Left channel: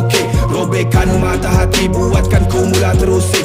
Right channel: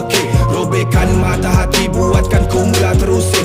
mekik. Robekkan mata hati, buatkan ku mula terusik.